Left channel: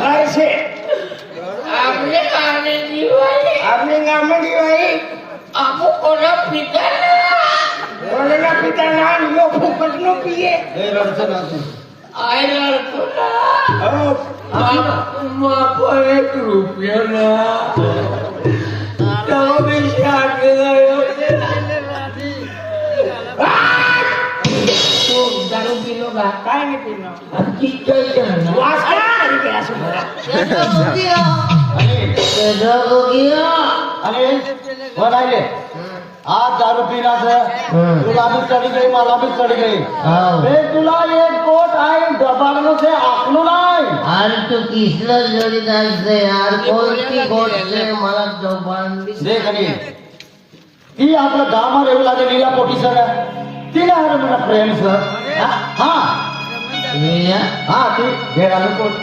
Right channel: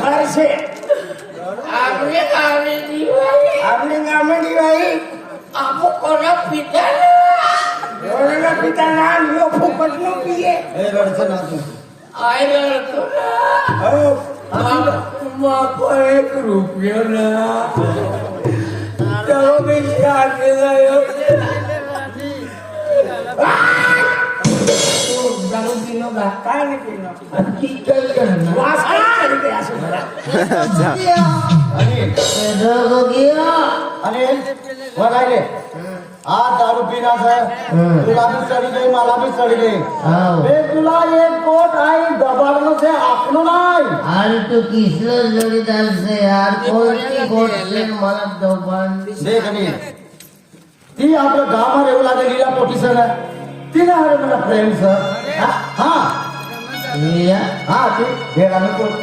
घर से आपने आने दिवाई आपने नाम दिवाई आपको कोना पिता रोना पिता नाम लो फुकट नो पिए आए लड़को ना बाप एक रुपया ना तो भी शादी गयो तो दारू पीनो का काय नाही पिनो किती करना वास करी पे असं मला आणि म्हणाले आज दारू पिराचं तुला भी चढ़ी गई मला भी चढ़ी गई तुला एक कोट आहे दबावणं से आपलं नाही अरे तू किसलं जोडीदार से यार कोणती गोष्ट मला दोबान देख आणि ती आपल्या गावात येऊ लागलेला पोटी सर तिला हर मला प्रेम सर हा हा ती बेरामी पोटी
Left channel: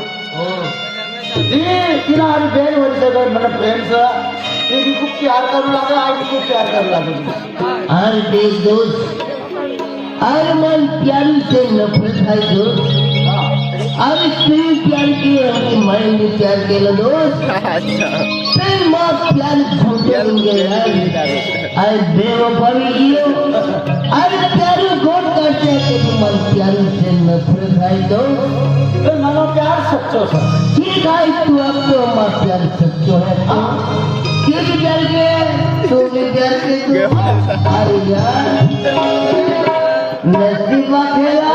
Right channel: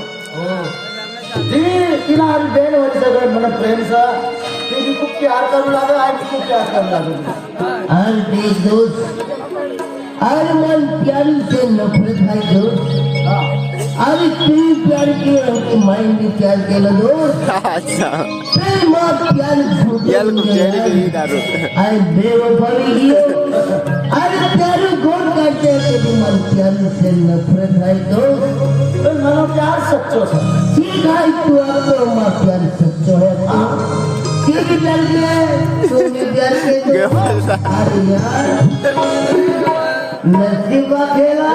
तिला आणि बेन वर्ष मला प्रेम सर ती खूप प्यार करू लागला आई खूप प्यार करू लागली अरे बेदोस्त अरे मन प्यार से नफरत है दोस्त अरे तू प्यार किया मैं भी प्यार केलं दोस्त फिर माँ प्यार झूठे बन गया अरे बेवफा भी कियो अरे प्यार गोर करते कि मन प्यार से नफरत है दोस्त मला प्यार सच्चो सर ठीक है तू अब तो माँ प्यार सच्चो है किसी प्यार के तूने प्यार के तो अरे यार नसीबा खेला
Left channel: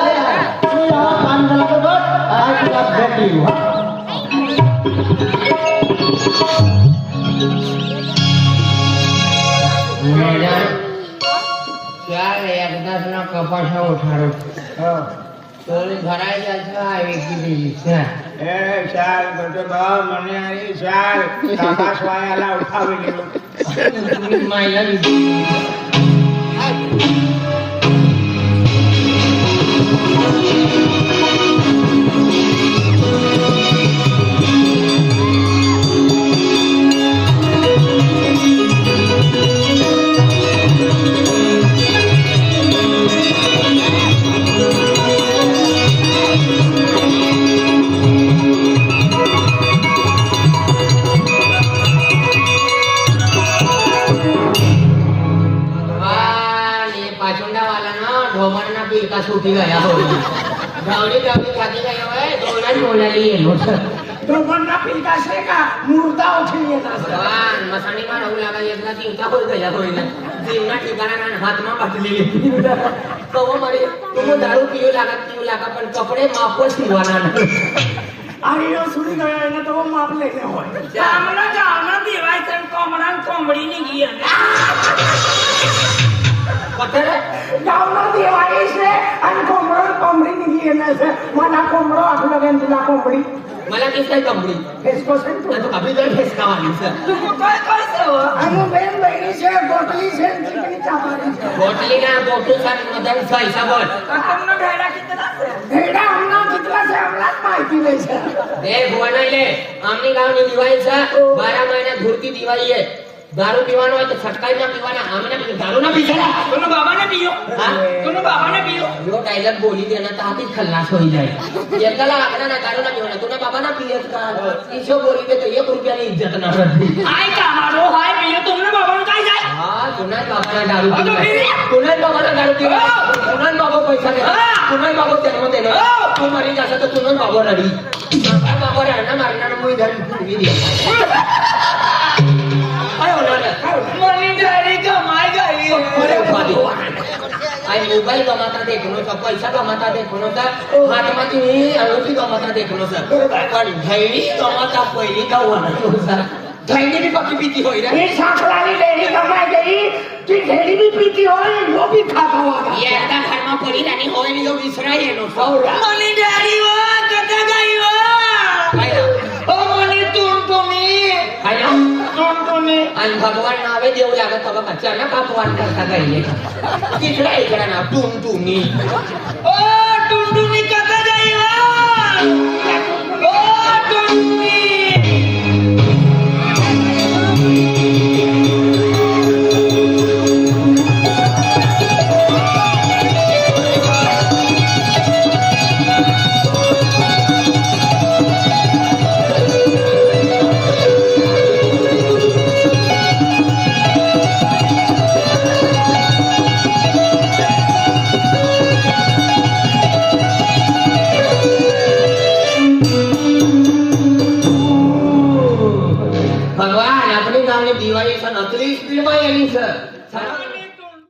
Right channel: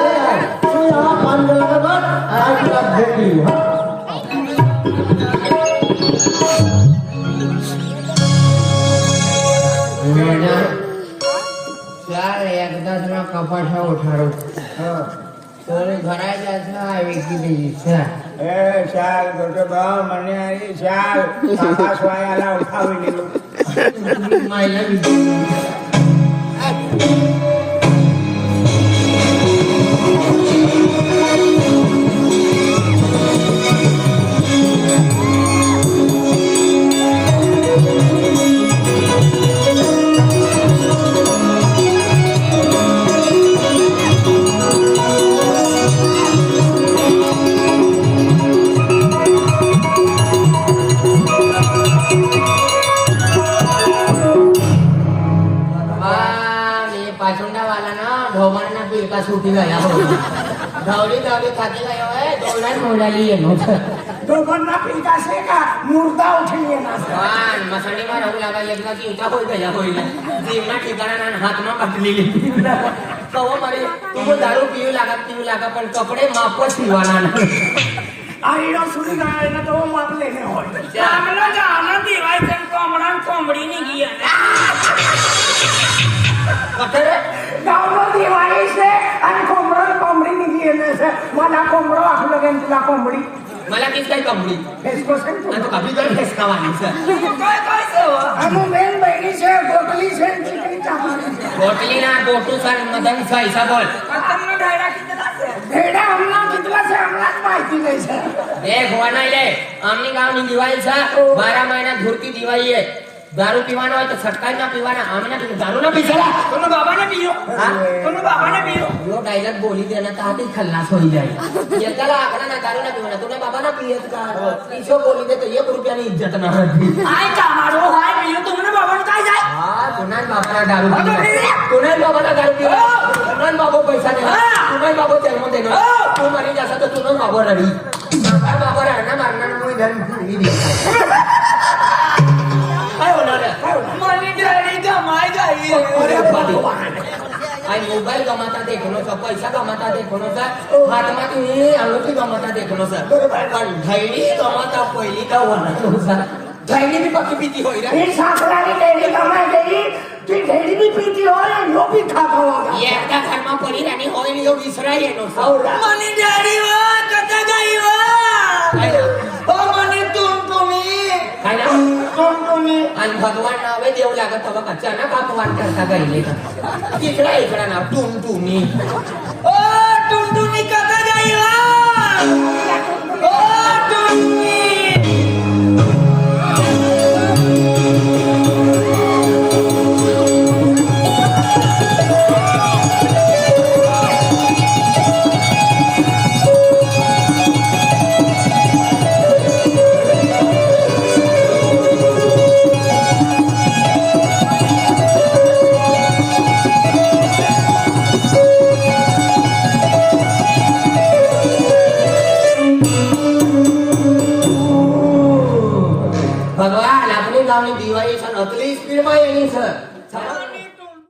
तू यहाँ पान गला का बट आज रात देख ली हूँ चार एकदा ना कपाशा उठारो तो घराय जायचं आहे की द्यायचं ए शाल करतो भाव म्हणे आई शाल आकाश वायाला उठावली मायला का सुटी गया हो धावडी धावडी खाती गया है दोलाच मुलाली येलो तो बन्ना पिता से का मुर्दा उठली ना वान मसंडी मार हो लागा एकदा जीवता होई गया होईल जीवना ठिकाणा ना हातमा पाटली गेली कव मरे तुम दारू पिऊ लागा पण कपडे मापच शिवाना आणि यो सुनी गया ना तो माप लेने होय चांगला जाना दिवायचं कोंबडान कोंबडी निघी पतर डाउनलोड दिवाळी से आणि कोंबडी निघी येणे से मला कोंबडा आपलं गेन तुला कोंबडी मला किस काय कोंबडी फेसको सेंट आणि तू कभी तर फेस खावानी काय काय सेवा अनु बेन बहिणी से गोटली से चिकनी चावली से गोटली ना गोटू सर मदन सा हिसाब बोल कतमनो ढेडा कितना से ढेडा हमला कितना से हमलाच माहिती नाही से देख हुआ नाही ले आमनी गाव नि दिवाळी सा 12 महिना धुरती दिवाळी आहे दारू पीवाना હોય તો છટકાઈ ના પીવાના અમે ના પીએ દારૂ ના પીસલા કોનો બાબા ને પીયો હા કોનો બાબા ને પીયો यो डायलॉग बोली देना तो हाथी खल्लास हो जाए येतला आकडा ना दारू ना पीवाना तुना बाबा ना पीयत का किशो बोली दे तो 1 रुपया ની इज्जत ना रहती आय कामारो हाय पीयो तुमने बाबा ने काय जाय हां तुना बाप ना दारू पीवा तुना बाबा ना दारू पीवा तुना बाबा पैसा दे तुना बाबा जन्म देना तू मरी जासा तो तुना बाबा रडी बाबा रहना मारना कोई धन भी दे काय होणार मनी डॅडी कमाई गई अरे भगवान आई मोबाईल कमाता देखनो सा पैसा कमाता देखनो सा हात मध्ये अंगठी कमाता देखनो सा पण धैर्य कमाता पहिली का होणार सा धैर्य भी पक्की पीती होई रे ये साखलाली लेडी कमाई गई ती ढेडी भी पीती होय यो भी खातो एकदा घरमा पडी राणी होय यो विसरा येनो मनी डॅडी वा कथा गई वा काय ना ओ मनी तुम्ही काय ना आणि भगवान नावे देऊ लागत बघा अचानक अपवाद करता गईले इकडे ना टुनटुनी ओ टुनटुनी कथा जाई ओ टुनटुनी पतली स्पीड માં એની સર